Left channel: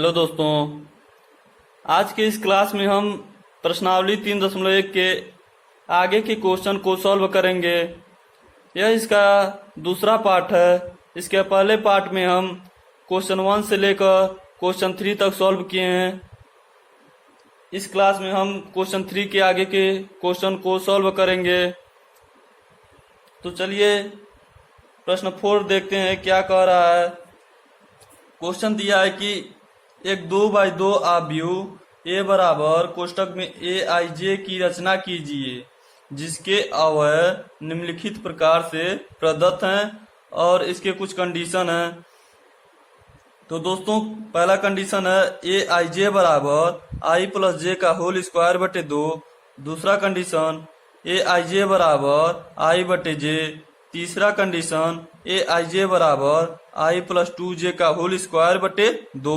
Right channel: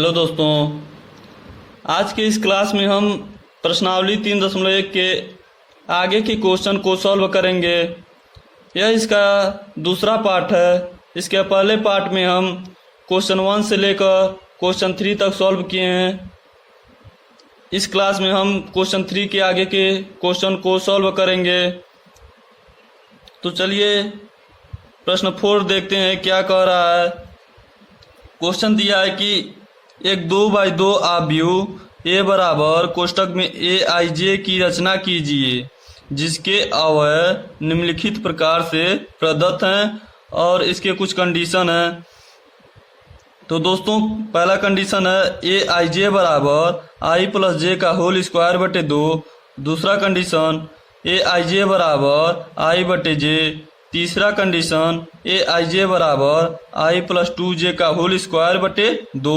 Hello दोस्तों, आज के इस क्लास में हम प्रश्नावली 3.1 के आगे के क्वेश्चन को सॉल्व करेंगे। यह इसका दूसरा पार्ट है। इसके पहले पार्ट में हम क्वेश्चन 1 से लेकर क्वेश्चन 3 तक सॉल्व किए हैं। इस क्लास में हम क्वेश्चन 3 के आगे के क्वेश्चन को सॉल्व करेंगे। तो चलिए प्रश्न 4 देखते हैं क्या कह रहा है। क्वेश्चन दिया है कि एक 2x2 आव्यूह ए बराबर कोष्टक में aij की रचना कीजिए जिसके अवयव निम्नलिखित प्रकार से प्रदत्त हैं और इसके कुछ कंडीशन हैं। तो दोस्तों पहला कंडीशन है aij बराबर i प्लस जे का होल स्क्वायर बटे 2। दूसरा कंडीशन aij बराबर i बटे जे। तीसरा कंडीशन aij बराबर i प्लस 2j का होल स्क्वायर बटे 2।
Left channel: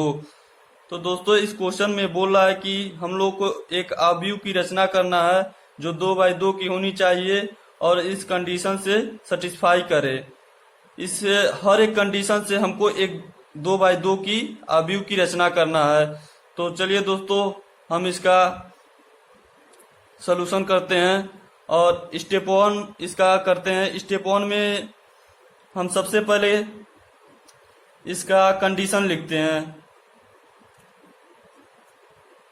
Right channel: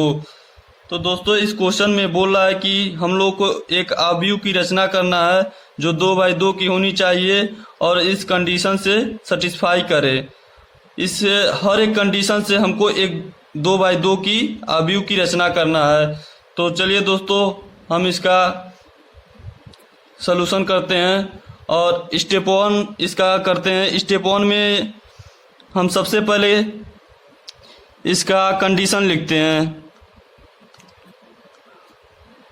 तो दोस्तों इस क्वेश्चन में बोल रहा है कि हम लोग को एक आव्यूह की रचना करना है जो 2x2 की होनी चाहिए और इस कंडीशन से सेटिस्फाई करे। इस हर एक कंडीशन से हमको एक 2x2 की आव्यूह की रचना करना है। तो चलिए दोस्तों हम इसका सलूशन करते हैं और स्टेप 1 इसका करते हैं। स्टेप 1 में हम सबसे पहले इसका कंडीशन लिखते हैं।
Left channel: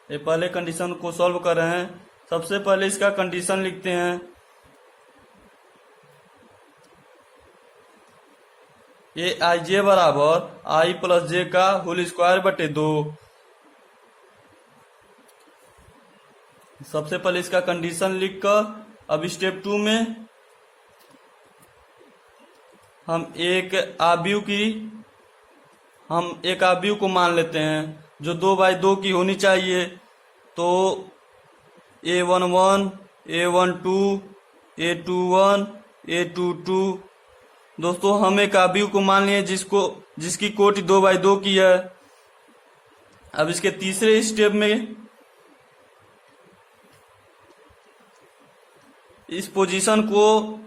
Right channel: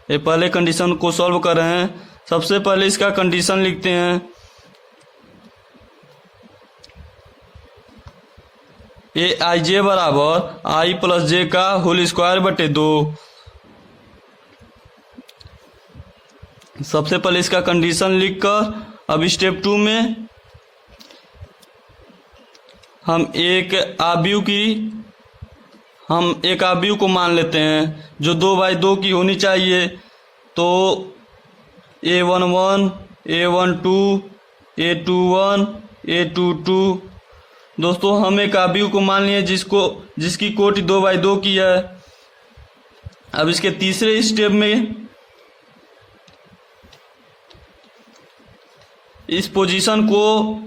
ये पहले कंडीशन को सॉल्व कर रहे हैं। सबसे पहले इसका कंडीशन लिखते हैं। aij बराबर i प्लस जे का होल स्क्वायर बटे 2। सबसे पहले इसका कंडीशन लिखकर अब स्टेप 2 में हम एक आव्यूह को मान लेते हैं जो 2x2 की होनी चाहिए। तो a11 a12 a21 a22 दोस्तों हम एक आव्यूह को मान लिए जिसकी कोटि 2x2 की है। अब इसके तीसरे स्टेप में इस पोजीशन को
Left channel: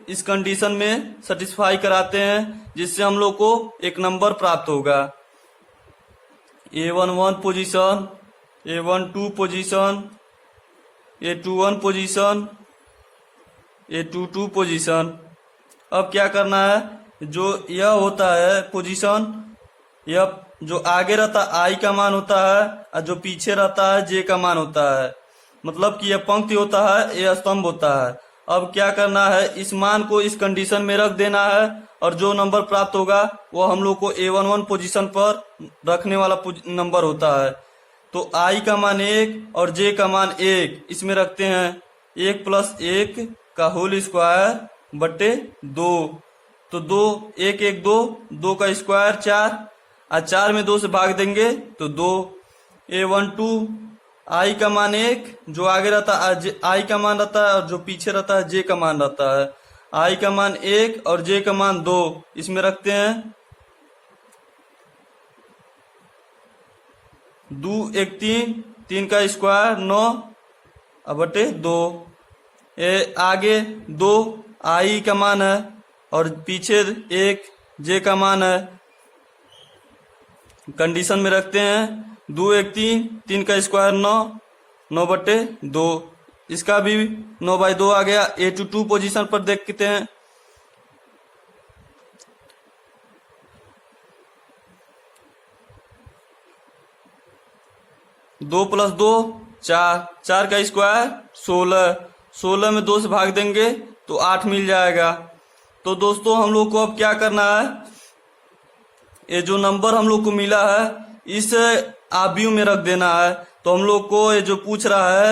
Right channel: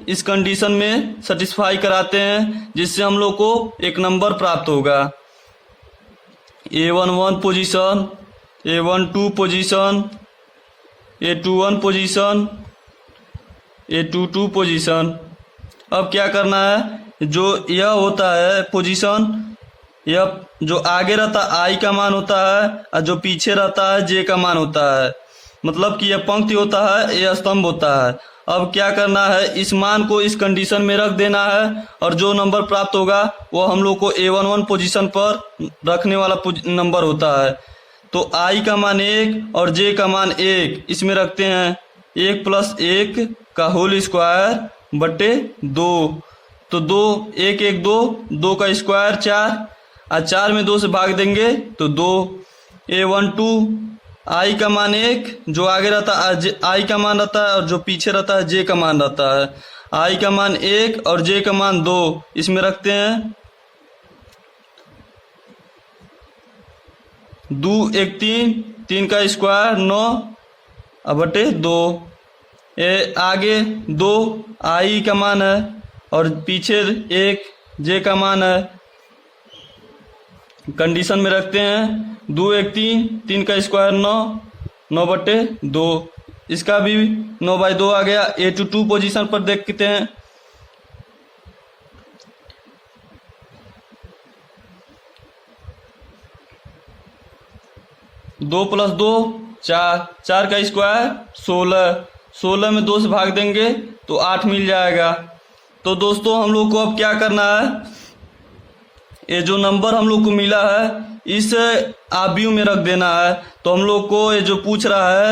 इस कंडीशन में सेटिस्फाई कराते हैं जिससे हम लोग को एक नंबर प्राप्त होगा। a11 position, a12 position, a21 position, a22 position. अब क्या करना है, जो यह होता है पोजीशन, यह जो आगे रहता है i का मान होता है और जो पीछे रहता है j का मान होता है। मतलब कि यह पंक्ति होता है, यह स्तंभ होता है। अब क्या करना है, इस मान को इस कंडीशन में रख देना है और जो नंबर प्राप्त होगा वो हम लोग को a11 पोजीशन पर रखने वाला नंबर होता है। तो i का मान 1 और j का मान 1 इसमें रखते हैं। 1 प्लस 1 का होल स्क्वायर बटे 2। तो 2 1 1 2, 2 का स्क्वायर 4 और 4 में 2 से भाग देंगे तो 2। a12 i का मान 1 जो आगे रहता है i का मान रहता है और जो पीछे रहता है j का मान रहता है। i का मान 1 और j का मान 2 इसमें रखते हैं। 2 1 3, 3 का स्क्वायर 9 बटे 2। आगे 2 i का मान है और पीछे 1 j का मान है। कंडीशन में रखते हैं। 2 1 3, 3 का स्क्वायर 9 बटे 2। इसका भी 9x2 आ गया। a22 पोजीशन पर देखते हैं। दो प्लस 2 4, 4 का स्क्वायर 16 में 2 से भाग देंगे तो 8 मिल जाएगा। तो दोस्तों हम लोग को अब क्या करना है, ये जो नंबर हम लोग को मिला है इस आव्यूह में रख देना है। तो हम लोग को ये जो पूछ रहा है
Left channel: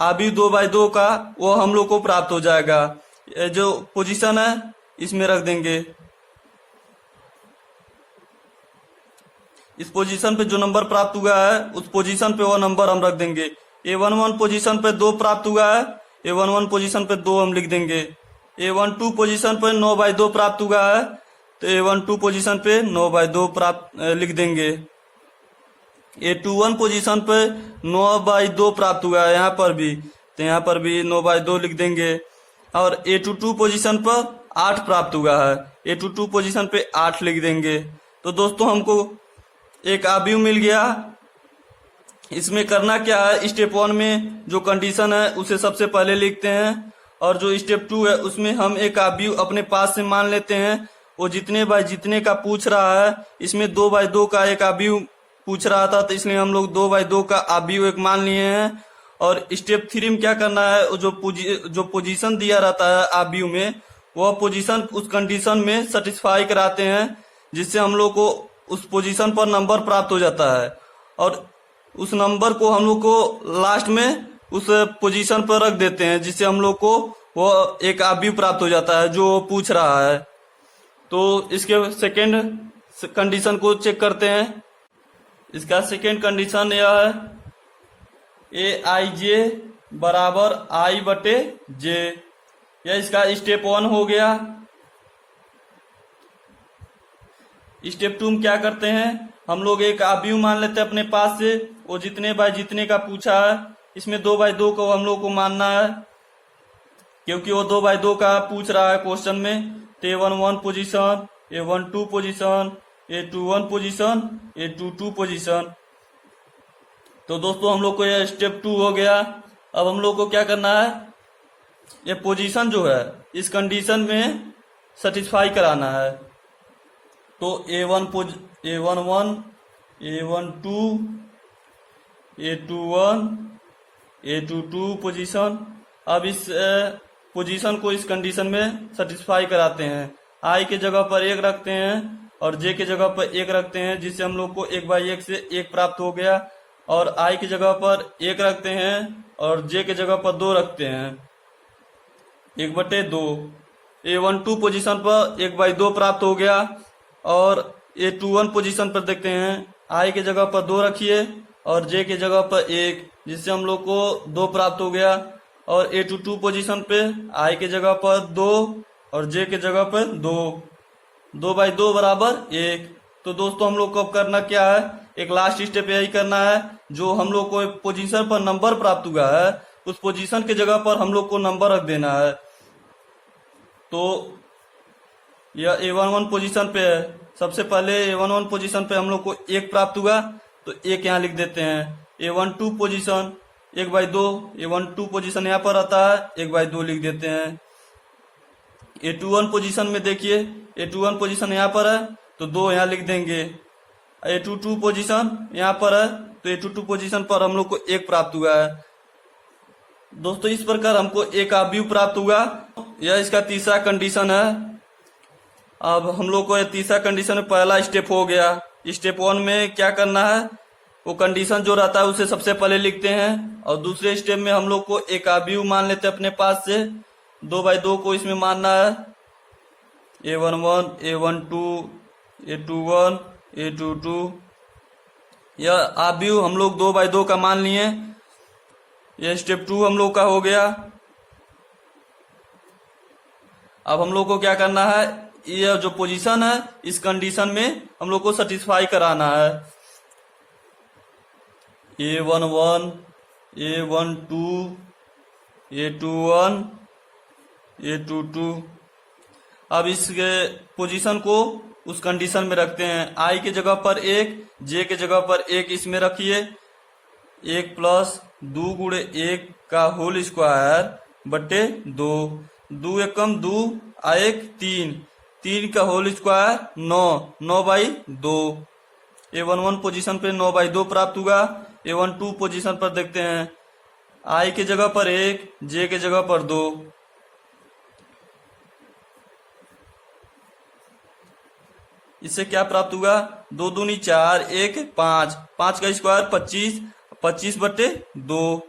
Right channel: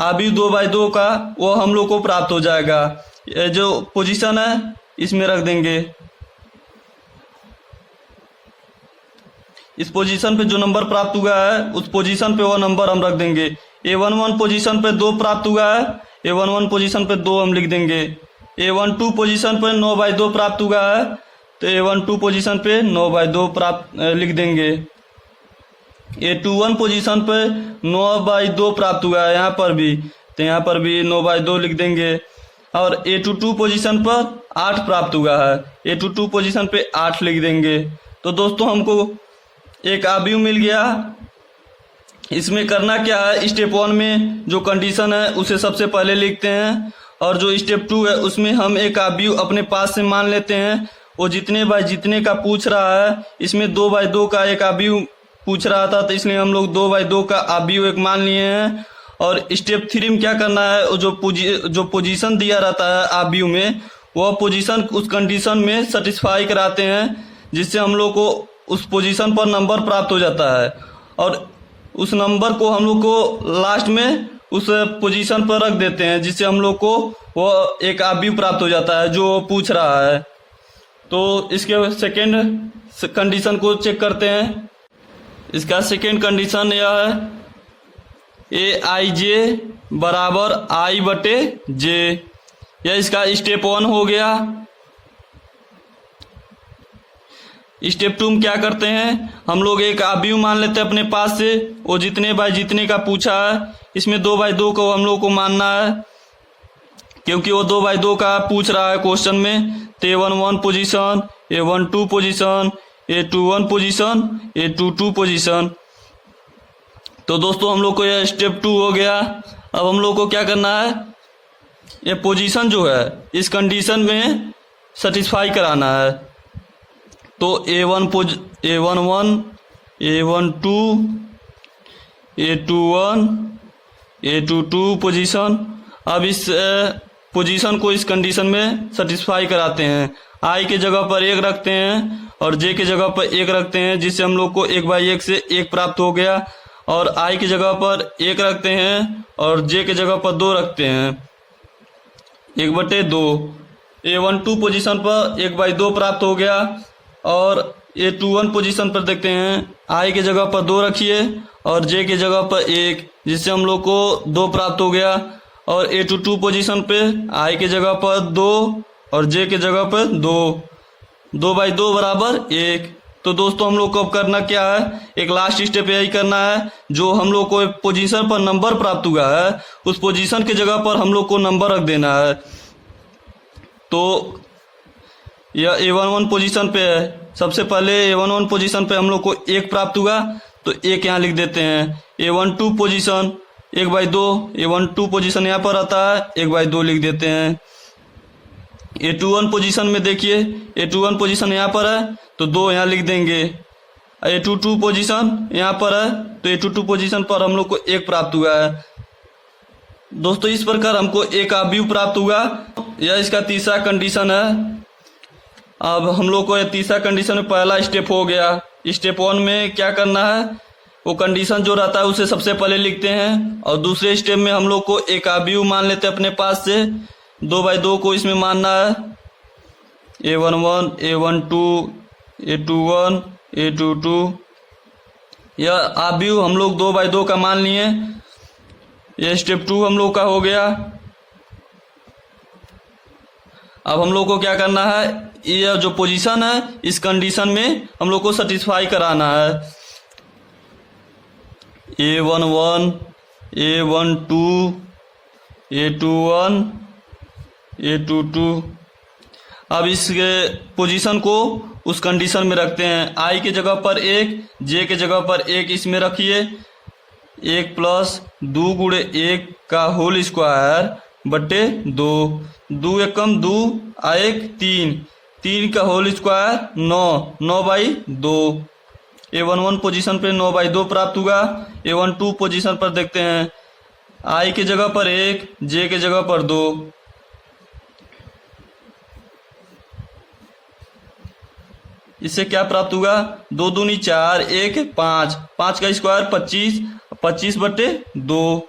आव्यूह 2x2 का वो हम लोग को प्राप्त हो जाएगा। ये जो पोजीशन है इसमें रख देंगे। इस पोजीशन पे जो नंबर प्राप्त हुआ है उस पोजीशन पे वो नंबर हम रख देंगे। a11 पोजीशन पे 2 प्राप्त हुआ है, a11 पोजीशन पे 2 हम लिख देंगे। a12 पोजीशन पे 9x2 प्राप्त हुआ है तो a12 पोजीशन पे 9x2 लिख देंगे। a21 पोजीशन पे 9x2 प्राप्त हुआ है यहाँ पर भी, तो यहाँ पर भी 9x2 लिख देंगे। और a22 पोजीशन पर 8 प्राप्त हुआ है, a22 पोजीशन पे 8 लिख देंगे। तो दोस्तों हमको एक आव्यूह मिल गया इसमें करना क्या है, स्टेप 1 में जो कंडीशन है उसे सबसे पहले लिखते हैं, और जो स्टेप 2 है उसमें हम एक आव्यूह अपने पास से मान लेते हैं। वो जितने बाय जितने का पूछ रहा है, इसमें 2/2 का एक आव्यूह पूछ रहा था, तो इसलिए हम लोग 2/2 का आव्यूह एक मान लिए हैं। और स्टेप 3 में क्या करना है, जो पोजीशन दिया रहता है आव्यूह में, वह पोजीशन उस कंडीशन में सेटिस्फाई कराते हैं, जिससे हम लोग को उस पोजीशन पर नंबर प्राप्त हो जाता है, और उस नंबर को हम लोग को लास्ट में उस पोजीशन पर रख देते हैं, जिससे हम लोग को वो एक आव्यूह प्राप्त हो जाता है जो पूछ रहा है। तो इसके सेकेंड कंडीशन को चेक करते हैं। इसका सेकेंड कंडीशन यह है, AIJ बराबर I/J। यह इसका स्टेप 1 हो गया। स्टेप 2 में क्या करते हैं, हम लोग एक आव्यूह मान लेते हैं अपने पास से, वो जितने बाय जितने का पूछा है, इसमें 2/2 को हम लोग को मानना है, क्योंकि वो 2/2 का पूछ रहा है क्वेश्चन में। तो A11 position, A12 position, A21 position, A22 position. तो दोस्तों हम लोग को यह स्टेप 2 हो गया। अब हम लोग को क्या करना है, ये पोजीशन जो है इस कंडीशन में सेटिस्फाई कराना है। तो A11, A12, A21, A22 position. अब इस पोजीशन को इस कंडीशन में सेटिस्फाई कराते हैं। I के जगह पर 1 रखते हैं और J के जगह पर 1 रखते हैं, जिससे हम लोग को 1/1 से 1 प्राप्त हो गया। और I की जगह पर 1 रखते हैं और J के जगह पर 2 रखते हैं, 1/2। A12 पोजीशन पर 1/2 प्राप्त हो गया। और A21 पोजीशन पर देखते हैं, I के जगह पर 2 रखिए और J के जगह पर 1, जिससे हम लोग को 2 प्राप्त हो गया। और A22 पोजीशन पे I के जगह पर 2 और J के जगह पर 2, 2/2 बराबर 1। तो दोस्तों हम लोग को अब करना क्या है, एक लास्ट स्टेप यही करना है, जो हम लोग को एक पोजीशन पर नंबर प्राप्त हुआ है, उस पोजीशन के जगह पर हम लोग को नंबर रख देना है। तो यह A11 पोजीशन पे है। सबसे पहले A11 पोजीशन पे हम लोग को 1 प्राप्त हुआ, तो 1 यहाँ लिख देते हैं। A12 पोजीशन 1/2, A12 पोजीशन यहाँ पर आता है, 1/2 लिख देते हैं। A21 पोजीशन में देखिए, A21 पोजीशन यहाँ पर है, तो 2 यहाँ लिख देंगे। A22 पोजीशन यहाँ पर है, तो A22 पोजीशन पर हम लोग को 1 प्राप्त हुआ है। दोस्तों इस प्रकार हमको एक आव्यूह प्राप्त हुआ। यह इसका तीसरा कंडीशन है। अब हम लोग को तीसरा कंडीशन में पहला स्टेप हो गया। स्टेप 1 में क्या करना है, वो कंडीशन जो रहता है उसे सबसे पहले लिखते हैं, और दूसरे स्टेप में हम लोग को एक आव्यूह मान लेते हैं अपने पास से, 2/2 को इसमें मानना है। A11, A12, A21, A22, यह आव्यूह हम लोग 2/2 का मान लिए। यह स्टेप 2 हम लोग का हो गया। अब हम लोग को क्या करना है, यह जो पोजीशन है इस कंडीशन में हम लोग को सेटिस्फाई कराना है। A11, A12, A21, A22। अब इस पोजीशन को उस कंडीशन में रखते हैं। I के जगह पर 1, J के जगह पर 1 इसमें रखिए। 1 + 2 × 1 का होल स्क्वायर बटे 2, 2 एकम 2 आ 1 3, 3 का होल स्क्वायर 9, 9/2। A11 पोजीशन पे 9/2 प्राप्त हुआ। A12 पोजीशन पर देखते हैं, I के जगह पर 1, J के जगह पर 2। इससे क्या प्राप्त हुआ, 2 दूनी 4, 1 5, 5 का स्क्वायर 25, 25/2।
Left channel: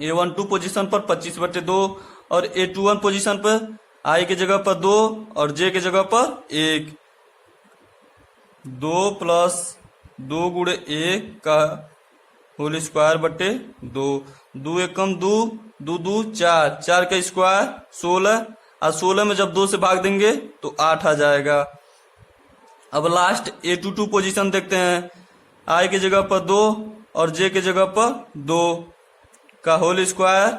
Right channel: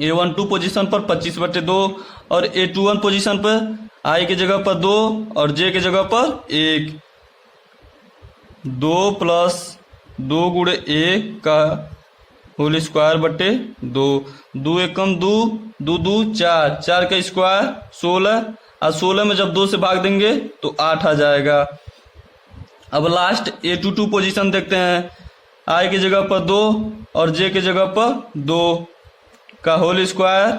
A12 पोजीशन पर 25/2 और A21 पोजीशन पर I के जगह पर 2 और J के जगह पर 1, 2 + 2 × 1 का होल स्क्वायर बटे 2, 2 एकम 2, 2 2 4, 4 का स्क्वायर 16, और 16 में जब 2 से भाग देंगे तो 8 आ जाएगा। अब लास्ट A22 पोजीशन देखते हैं, I के जगह पर 2 और J के जगह पर 2 का होल स्क्वायर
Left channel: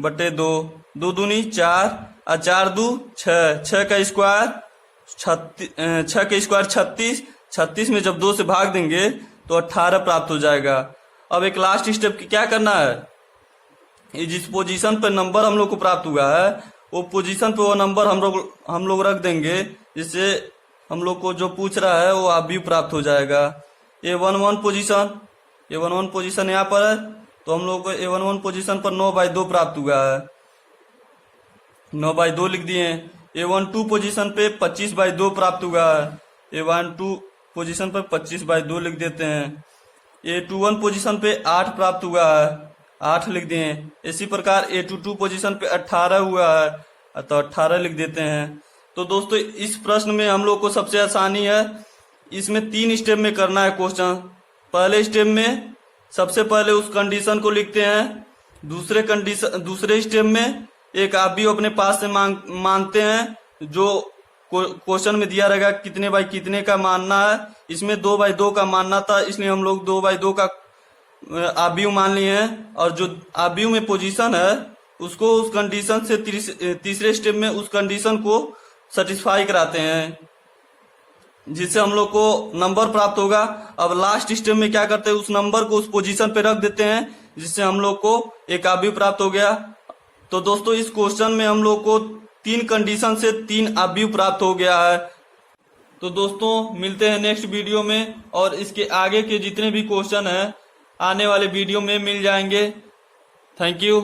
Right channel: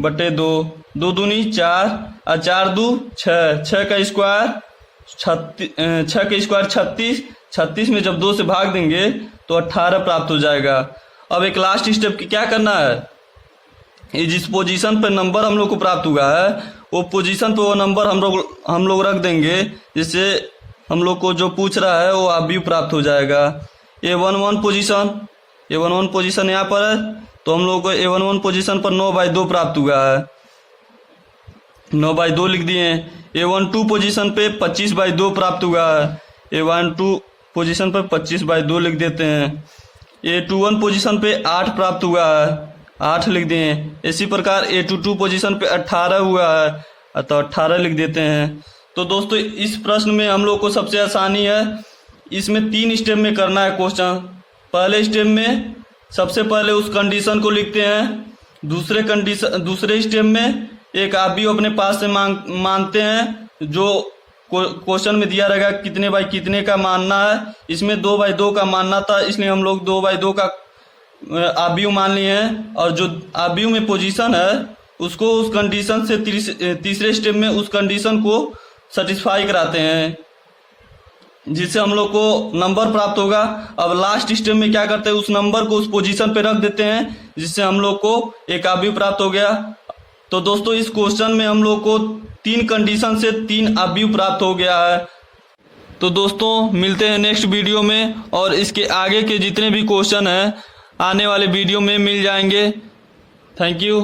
बटे 2, 2 दूनी 4 और 4 2 6, 6 का स्क्वायर 36, 36 में जब 2 से भाग देंगे तो 18 प्राप्त हो जाएगा। अब एक लास्ट स्टेप की क्या करना है, ये जिस पोजीशन पर नंबर हम लोग को प्राप्त हुआ है वो पोजीशन पे वो नंबर हम लोग रख देंगे, जिससे हम लोग को जो पूछ रहा है वो आप भी प्राप्त हो जाएगा। A11 पोजीशन यहाँ पर है, तो हम लोग को A11 पोजीशन पर 9/2 प्राप्त हुआ है, 9/2 लिख दिए। A12 पोजीशन पे 25/2 प्राप्त हुआ है, A12 पोजीशन पर 25/2 लिख देते हैं। A21 पोजीशन पे 8 प्राप्त हुआ है, 8 लिख दिए। इसी प्रकार A22 पोजीशन पे 18 हुआ है, तो 18 लिख देते हैं। तो दोस्तों इस प्रश्न में हम लोग को सबसे आसानी है, इसमें 3 स्टेप में करना है क्वेश्चन। पहले स्टेप में सबसे पहले उस कंडीशन को लिखते हैं, दूसरे स्टेप में एक आप भी अपने पास से मानते हैं, जो क्वेश्चन में दिया रहेगा कितने बाई कितने का मानना है। इसमें 2/2 का मानना था, इसलिए हम लोग 2/2 का आव्यूह मान लिए हैं, और जो आव्यूह में पोजीशन है उसको उस कंडीशन से तीसरे स्टेप में उस कंडीशन को सेटिस्फाई कराते हैं, जिससे हम लोग को नंबर प्राप्त होगा। अब लास्ट स्टेप में क्या करते हैं, उस नंबर को उस पोजीशन पे रख देते हैं, जिससे हम लोग को एक आव्यूह प्राप्त हो गया। तो दोस्तों इस क्वेश्चन में हम लोग को 3 कंडीशन से 3 आव्यूह प्राप्त हो गया है। तो दोस्तों मिलते हैं नेक्स्ट वीडियो में, और इसके आगे के जितने भी क्वेश्चन हैं आने वाले वीडियो में मिल जाएंगे। Thank you.